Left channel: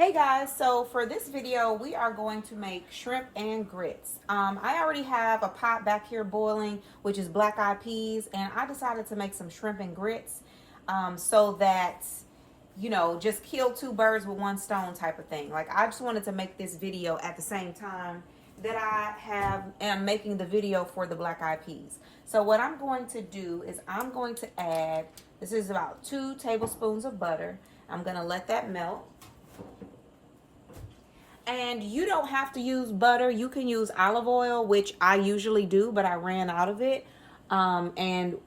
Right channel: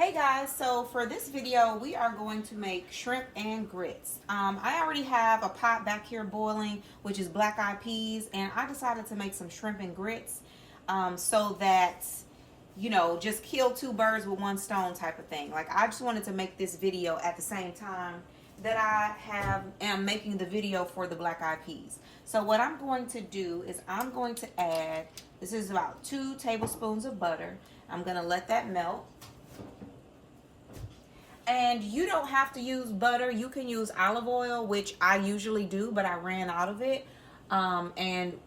Hey guys, so for this video we are going to make shrimp and grits. I already have a pot back here boiling, which is black eyed peas, and I decided to make some shrimp and grits so that, you know, just kill two birds with one stone type of thing. Like, I just wanted to make this video at the same time that am making the video for the black eyed peas. So what I'm going to do is I'm going to add, this is about 2 tablespoons of butter. I'm going to let that melt. And you don't have to use butter. You can use olive oil, which I usually do, but I ran out of it. And,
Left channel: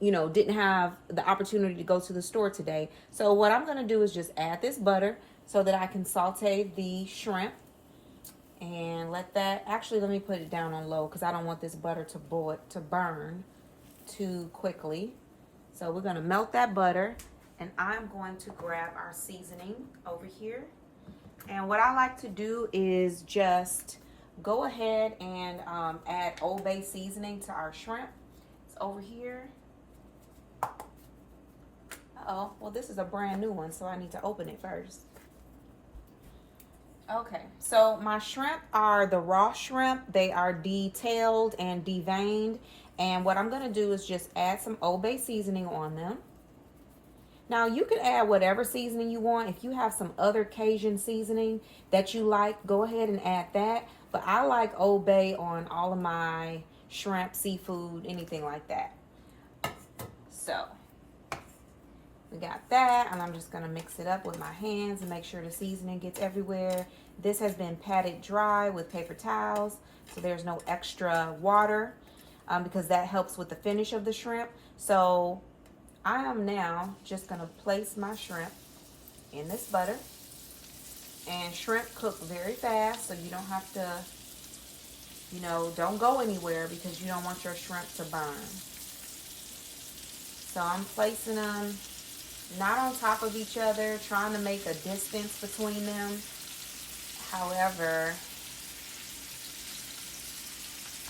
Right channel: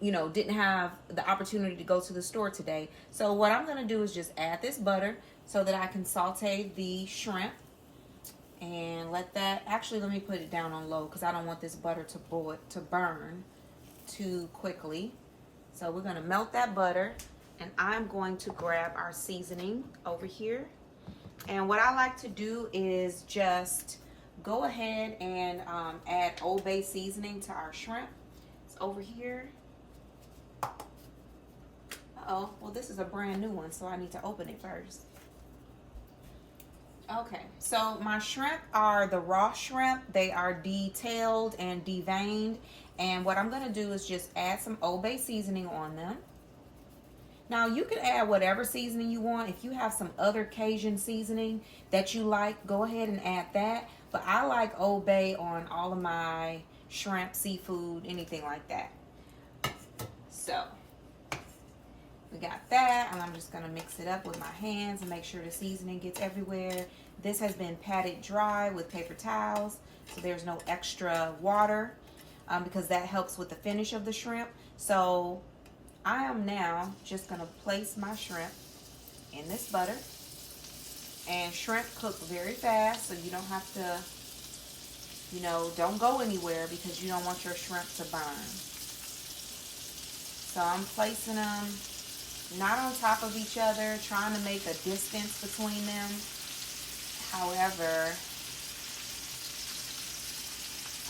you know, didn't have the opportunity to go to the store today. So what I'm going to do is just add this butter so that I can saute the shrimp. And let me put it down on low because I don't want this butter to burn too quickly. So we're going to melt that butter. And I'm going to grab our seasoning over here. And what I like to do is just go ahead and add Old Bay seasoning to our shrimp. It's over here. Uh-oh, well, this is a brand new one, so I need to open it first. Okay, so my shrimp are the raw shrimp. They are detailed and deveined. And what I'm gonna do is just add some Old Bay seasoning on them. Now, you can add whatever seasoning you want. If you have some other Cajun seasoning that you like, go ahead and add that. But I like Old Bay on all of my shrimp, seafood, anything like that. So, we got that. And I'm just going to mix it up with my hands and make sure the seasoning gets everywhere. This has been patted dry with paper towels, so there's no extra water because that helps with the finish of the shrimp. So, I am now just going to place my shrimp in this butter. And shrimp cook very fast, so you don't have to, you know, don't go anywhere because you don't want your shrimp to burn. So I'm placing them not on top of each other, trying to make a distance between them. However,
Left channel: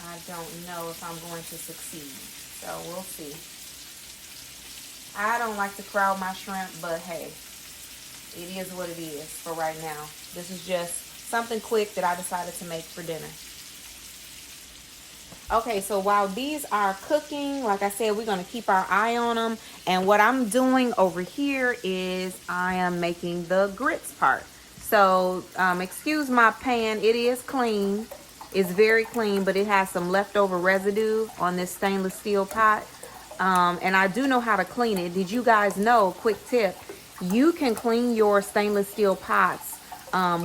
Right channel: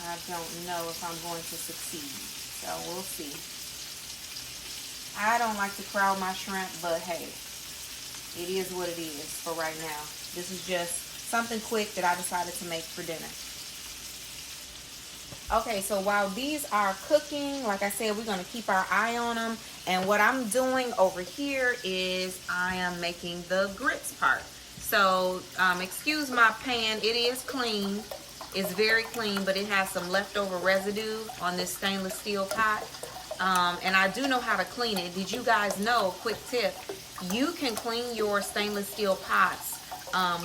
I don't know if I'm going to succeed, so we'll see. I don't like to crowd my shrimp, but hey, it is what it is for right now. This is just something quick that I decided to make for dinner. Okay, so while these are cooking, like I said, we're going to keep our eye on them. And what I'm doing over here is I am making the grits part. So, excuse my pan. It is clean. It's very clean, but it has some leftover residue on this stainless steel pot. And I do know how to clean it. Did you guys know, quick tip, you can clean your stainless steel pots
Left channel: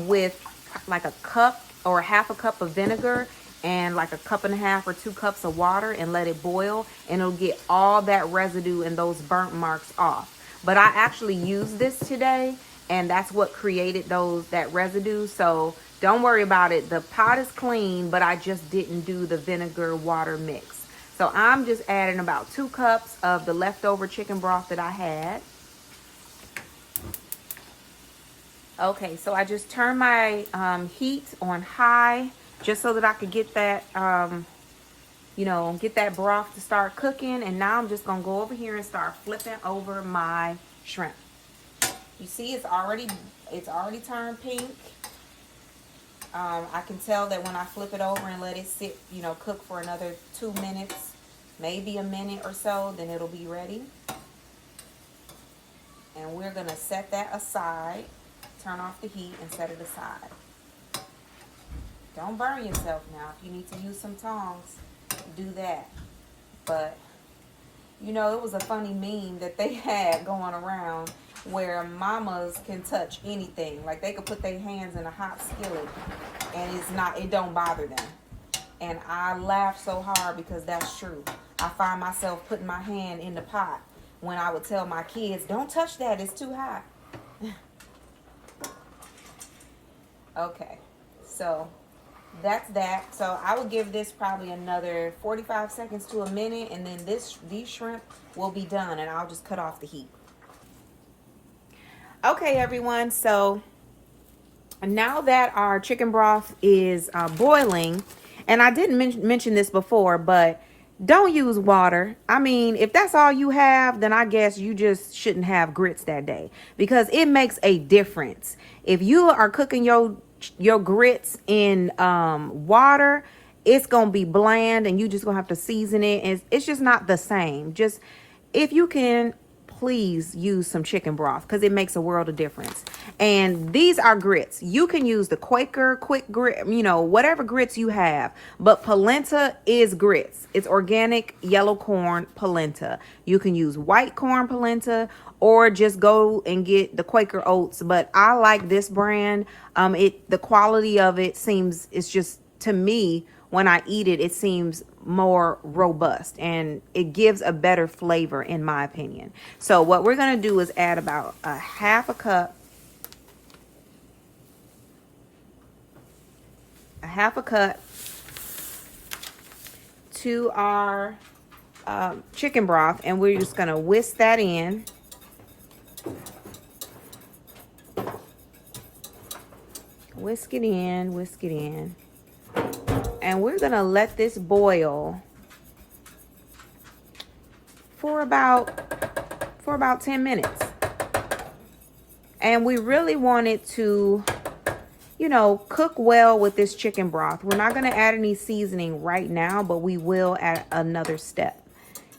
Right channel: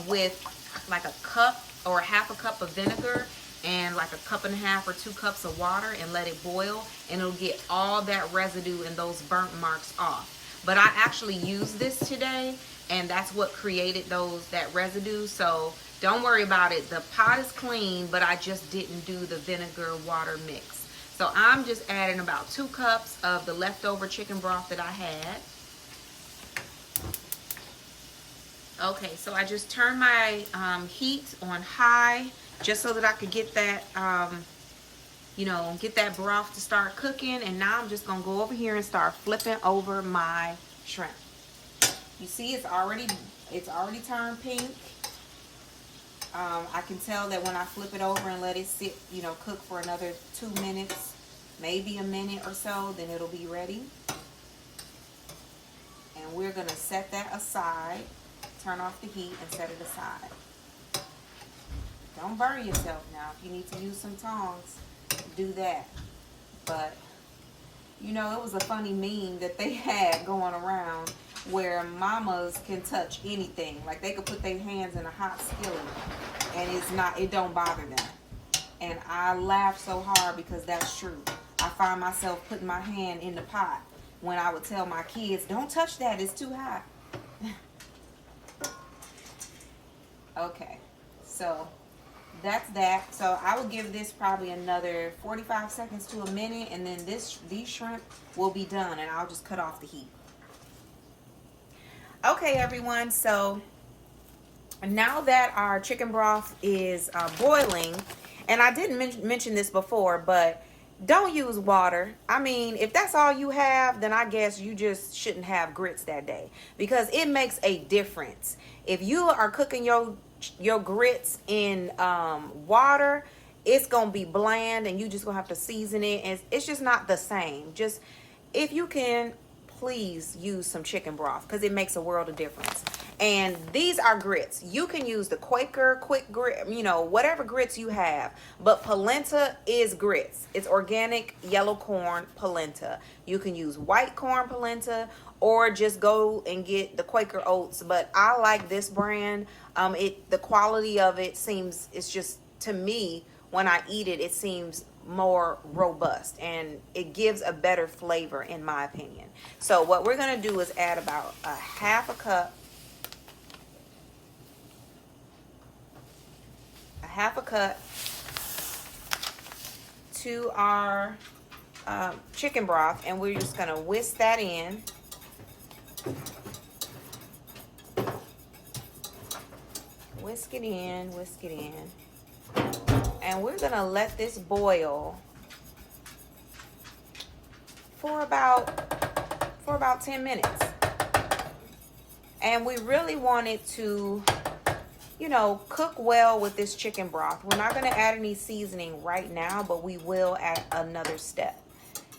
with like a cup or half a cup of vinegar and like a cup and a half or 2 cups of water and let it boil, and it'll get all that residue and those burnt marks off. But I actually used this today, and that's what created that residue. So don't worry about it. The pot is clean, but I just didn't do the vinegar water mix. So I'm just adding about 2 cups of the leftover chicken broth that I had. Okay, so I just turned my heat on high just so that I could get that, you know, get that broth to start cooking. And now I'm just gonna go over here and start flipping over my shrimp. You see, it's already turned pink. I can tell that when I flip it over and let it sit, you know, cook for another 2 minutes, maybe a minute or so, then it'll be ready. And we're going to set that aside, turn off the heat and set it aside. Don't burn yourself now. If you need to use some tongs, do that. But, you know, it was a funny meme that they had going around where mamas can touch anything. Like, they could put their hands in a hot skillet and it don't bother them. And I laughed so hard because that's true. I find myself putting my hand in the pot when I would tell my kids, don't touch that, it's too hot. Okay, so that's that. So I will give this probably another 45 seconds to a minute, and then these shrimp will be done, and I'll just cut off the heat. Okay, everyone, so now that our chicken broth is boiling, and I didn't mention this before, but don't use water. I mean, if that's all you have, then I guess you just shouldn't have grits that day, because it makes a difference If you are cooking your grits in water, it's gonna be bland, and you just gonna have to season it, and it's just not the same. Just, if you can, please use some chicken broth, because it makes a world of difference. And these are grits. You can use the Quaker quick grit, you know, whatever grits you have, but polenta is grits. It's organic yellow corn polenta. You can use white corn polenta, or just go and get the Quaker oats, but I like this brand. The quality of it seems, it's just, to me, when I eat it, it seems more robust, and it gives a better flavor, in my opinion. So what we're gonna do is add about a half a cup to our chicken broth, and we're just gonna whisk that in. Whisk it in. And we're gonna let this boil for about 10 minutes. And we really want it to, you know, cook well with this chicken broth. We're not gonna add any seasoning right now, but we will at another step.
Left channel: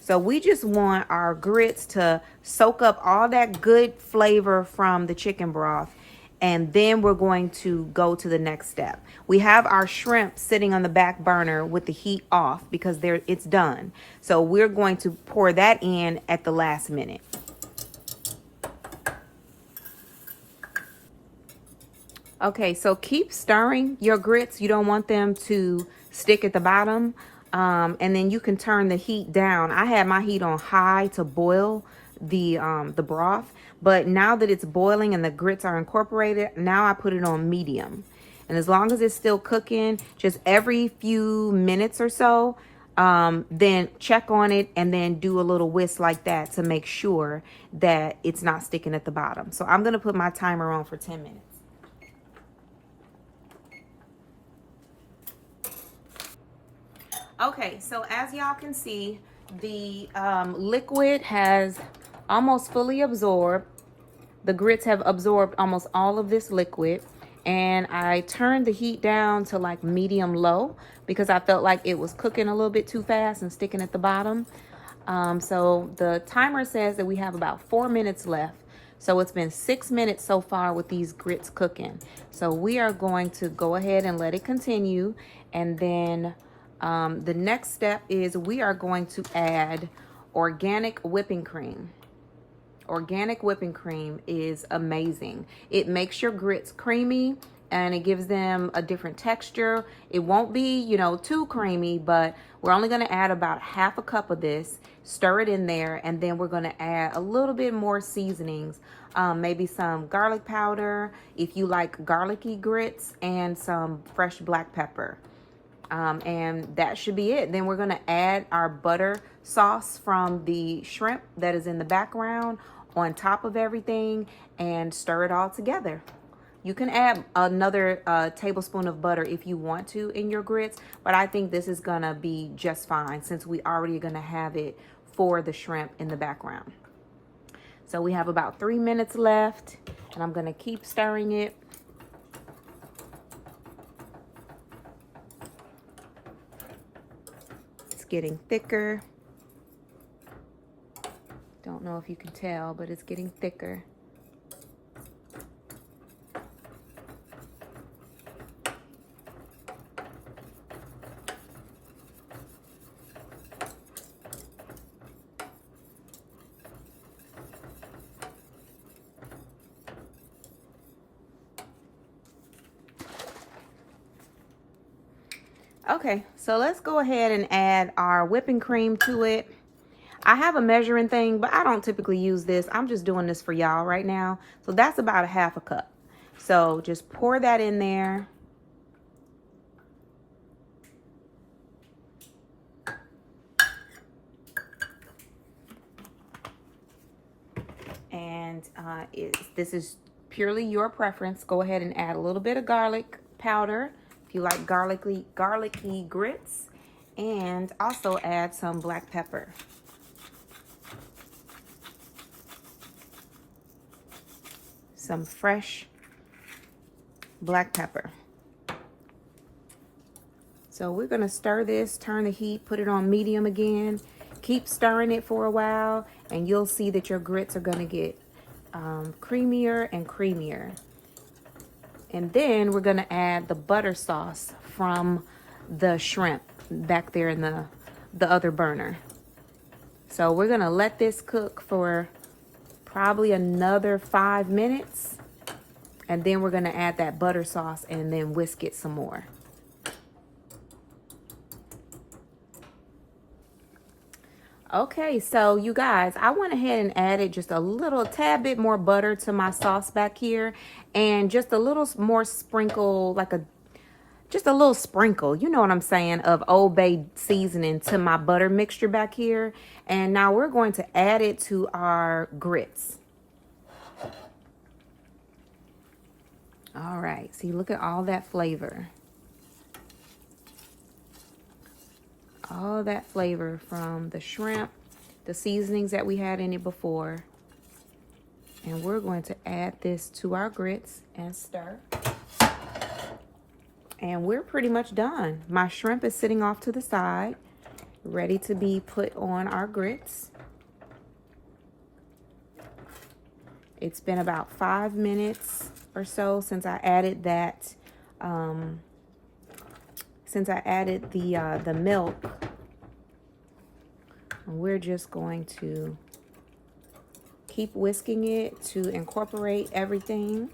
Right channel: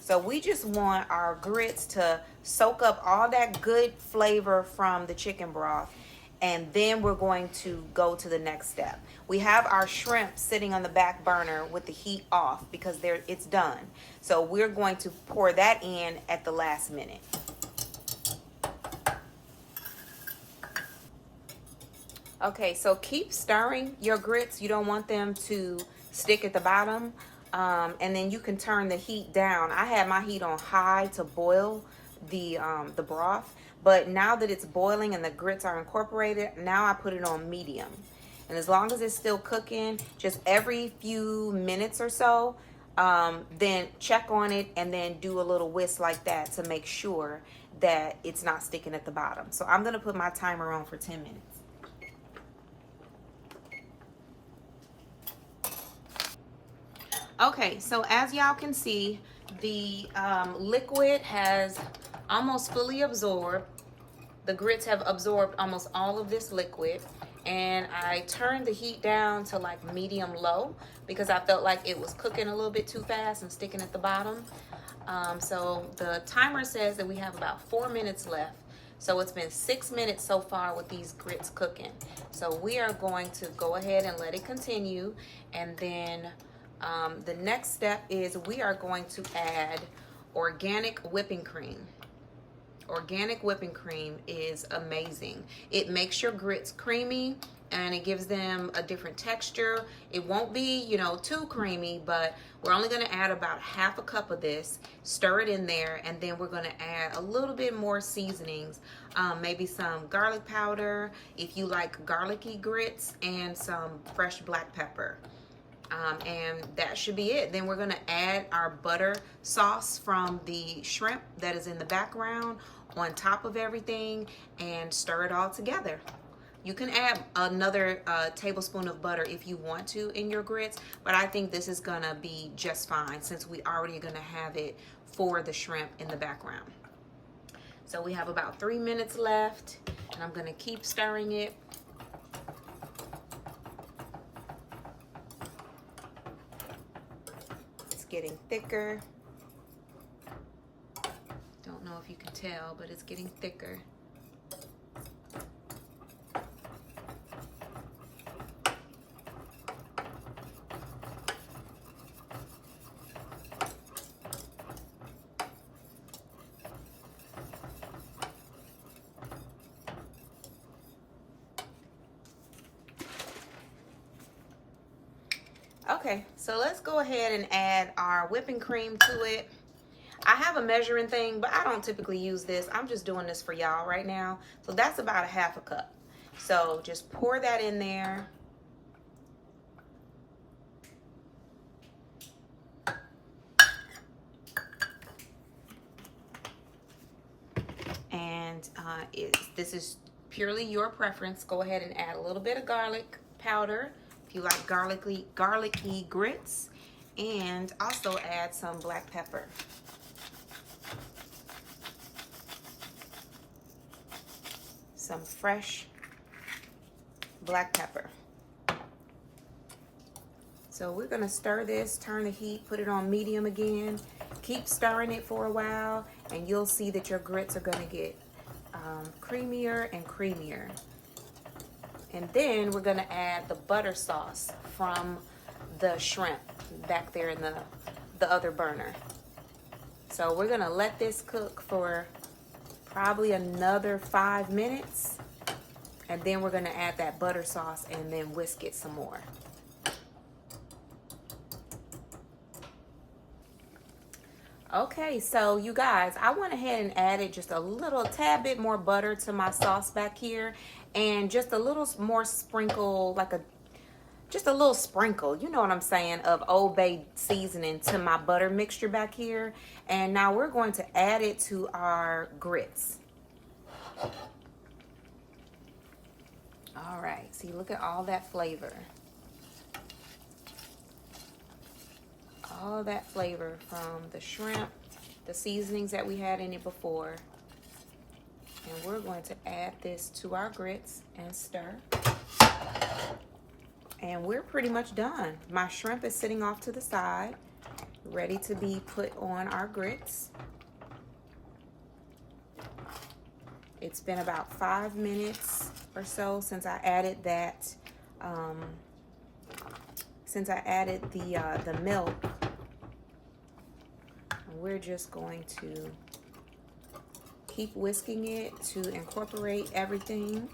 So we just want our grits to soak up all that good flavor from the chicken broth, and then we're going to go to the next step. We have our shrimp sitting on the back burner with the heat off because it's done. So we're going to pour that in at the last minute. Okay, so keep stirring your grits. You don't want them to stick at the bottom. And then you can turn the heat down. I had my heat on high to boil the broth, but now that it's boiling and the grits are incorporated, now I put it on medium. And as long as it's still cooking, just every few minutes or so, then check on it, and then do a little whisk like that to make sure that it's not sticking at the bottom. So I'm gonna put my timer on for 10 minutes. Okay, so as y'all can see, the liquid has almost fully absorbed. The grits have absorbed almost all of this liquid, and I turned the heat down to like medium low because I felt like it was cooking a little bit too fast and sticking at the bottom. So the timer says that we have about 4 minutes left. So it's been 6 minutes so far with these grits cooking. So we are going to go ahead and let it continue, and then the next step is we are going to add organic whipping cream. Organic whipping cream is amazing. It makes your grits creamy, and it gives them a different texture. It won't be, you know, too creamy, but we're only going to add about half a cup of this. Stir it in there, and then we're going to add a little bit more seasonings. Maybe some garlic powder if you like garlicky grits, and some fresh black pepper. And that should be it. Then we're going to add our butter sauce from the shrimp that is in the background on top of everything, and stir it all together. You can add another tablespoon of butter if you want to in your grits, but I think this is gonna be just fine since we already are gonna have it for the shrimp in the background. So we have about 3 minutes left, and I'm gonna keep stirring it. It's getting thicker. Don't know if you can tell, but it's getting thicker. Okay, so let's go ahead and add our whipping cream to it. I have a measuring thing, but I don't typically use this. I'm just doing this for y'all right now. So that's about a half a cup. So just pour that in there. And this is purely your preference. Go ahead and add a little bit of garlic powder if you like garlicky grits, and also add some black pepper. Some fresh black pepper. So we're gonna stir this, turn the heat, put it on medium again. Keep stirring it for a while, and you'll see that your grits are gonna get creamier and creamier. And then we're gonna add the butter sauce from the shrimp back there in the other burner. So we're gonna let this cook for probably another 5 minutes, and then we're gonna add that butter sauce and then whisk it some more. Okay, so you guys, I went ahead and added just a little tad bit more butter to my sauce back here, and just a little more sprinkle, just a little sprinkle, you know what I'm saying, of Old Bay seasoning to my butter mixture back here. And now we're going to add it to our grits. All right, see, look at all that flavor. All that flavor from the shrimp, the seasonings that we had in it before. And we're going to add this to our grits and stir. And we're pretty much done. My shrimp is sitting off to the side, ready to be put on our grits. It's been about 5 minutes or so since I added that, the milk. And we're just going to keep whisking it to incorporate everything.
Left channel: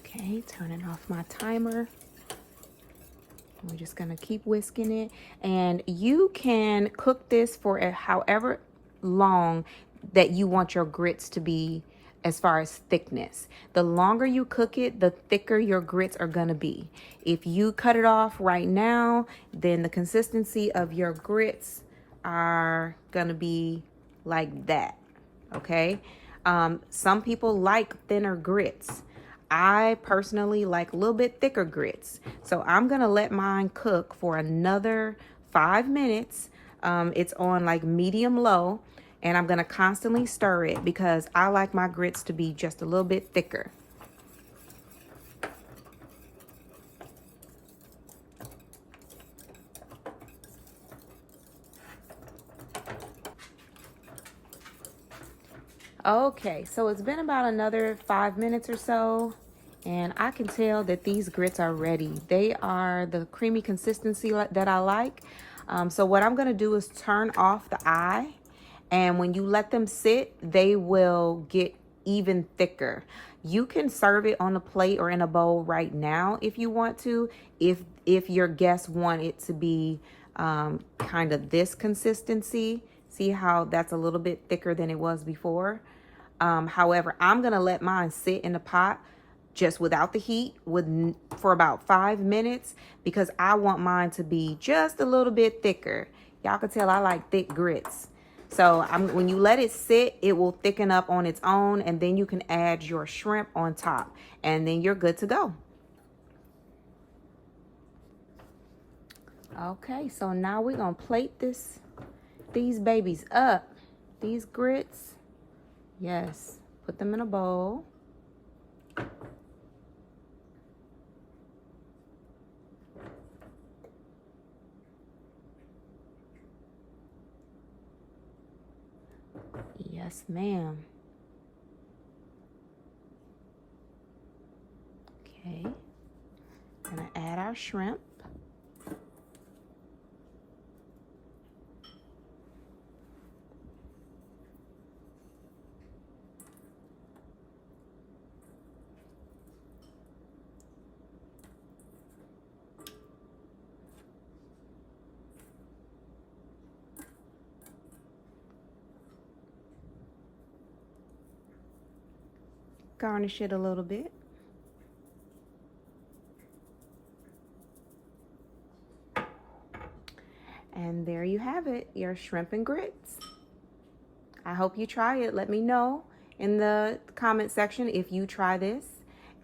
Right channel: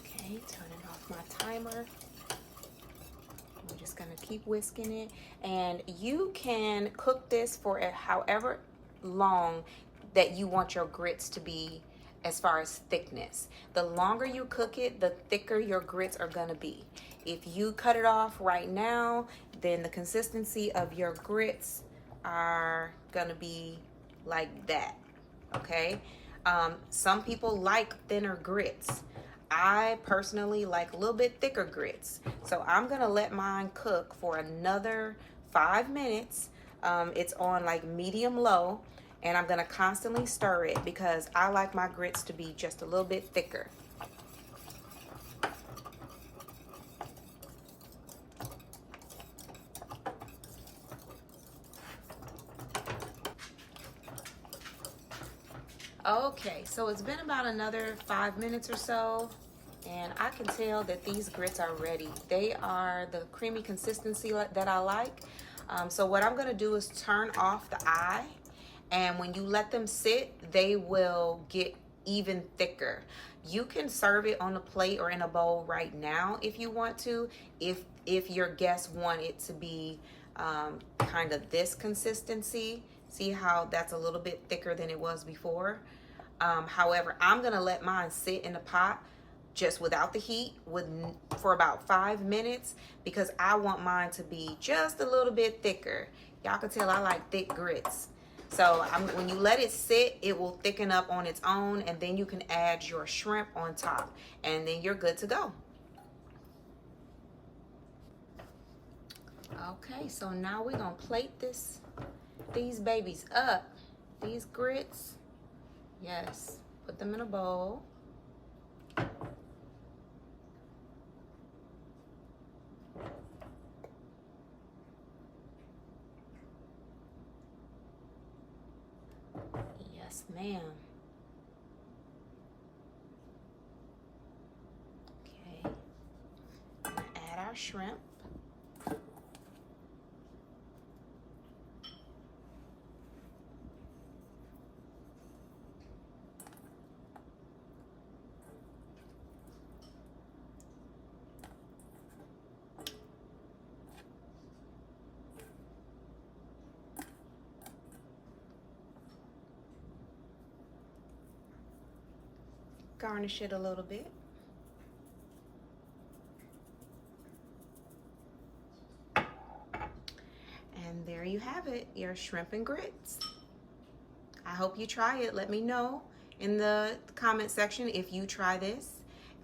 Okay, turning off my timer. We're just gonna keep whisking it, and you can cook this for however long that you want your grits to be as far as thickness. The longer you cook it, the thicker your grits are gonna be. If you cut it off right now, then the consistency of your grits are gonna be like that, okay? Some people like thinner grits. I personally like a little bit thicker grits. So I'm gonna let mine cook for another 5 minutes. It's on like medium low, and I'm gonna constantly stir it because I like my grits to be just a little bit thicker. Okay, so it's been about another 5 minutes or so, and I can tell that these grits are ready. They are the creamy consistency that I like. So what I'm gonna do is turn off the eye, and when you let them sit, they will get even thicker. You can serve it on a plate or in a bowl right now if you want to, if your guests want it to be kind of this consistency. See how that's a little bit thicker than it was before. However, I'm gonna let mine sit in the pot just without the heat for about 5 minutes because I want mine to be just a little bit thicker. Y'all can tell I like thick grits. So when you let it sit, it will thicken up on its own, and then you can add your shrimp on top, and then you're good to go. Okay, so now we're gonna plate these babies up. These grits, yes, put them in a bowl. Yes, ma'am. Okay, I'm gonna add our shrimp. Garnish it a little bit. And there you have it, your shrimp and grits. I hope you try it. Let me know in the comment section if you try this.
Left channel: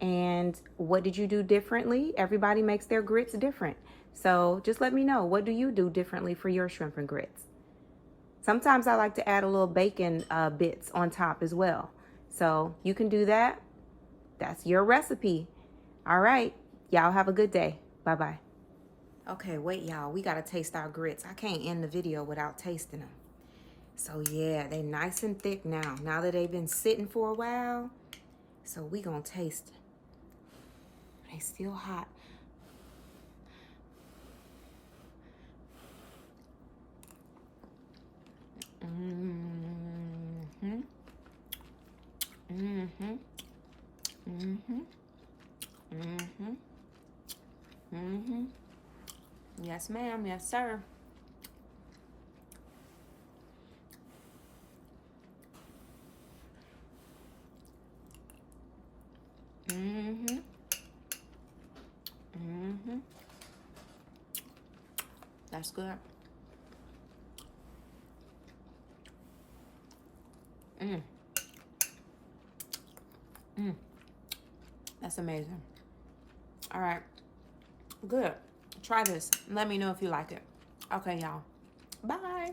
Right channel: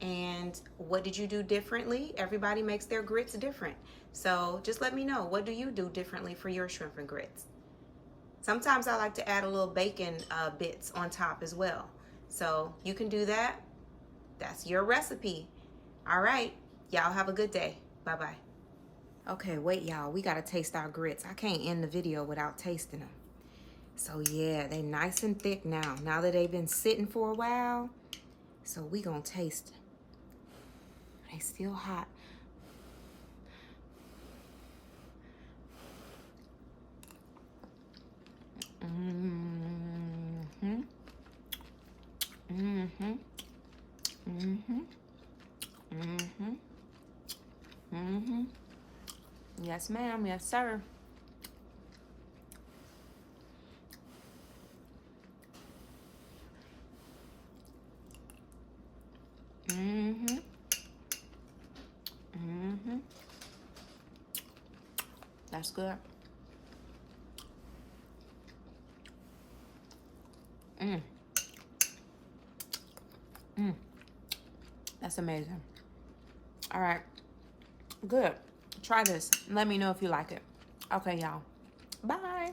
And what did you do differently? Everybody makes their grits different. So just let me know, what do you do differently for your shrimp and grits? Sometimes I like to add a little bacon bits on top as well. So you can do that. That's your recipe. All right. Y'all have a good day. Bye-bye. Okay, wait, y'all. We got to taste our grits. I can't end the video without tasting them. So yeah, they nice and thick now. Now that they've been sitting for a while. So we gonna taste it. They still hot. Mm-hmm. Mm-hmm. Mm-hmm. Mm-hmm. Mm-hmm. Yes, ma'am. Yes, sir. Mm-hmm. Mm-hmm. That's good. Mm. Mm. That's amazing. All right. Good. Try this. Let me know if you like it. Okay, y'all. Bye.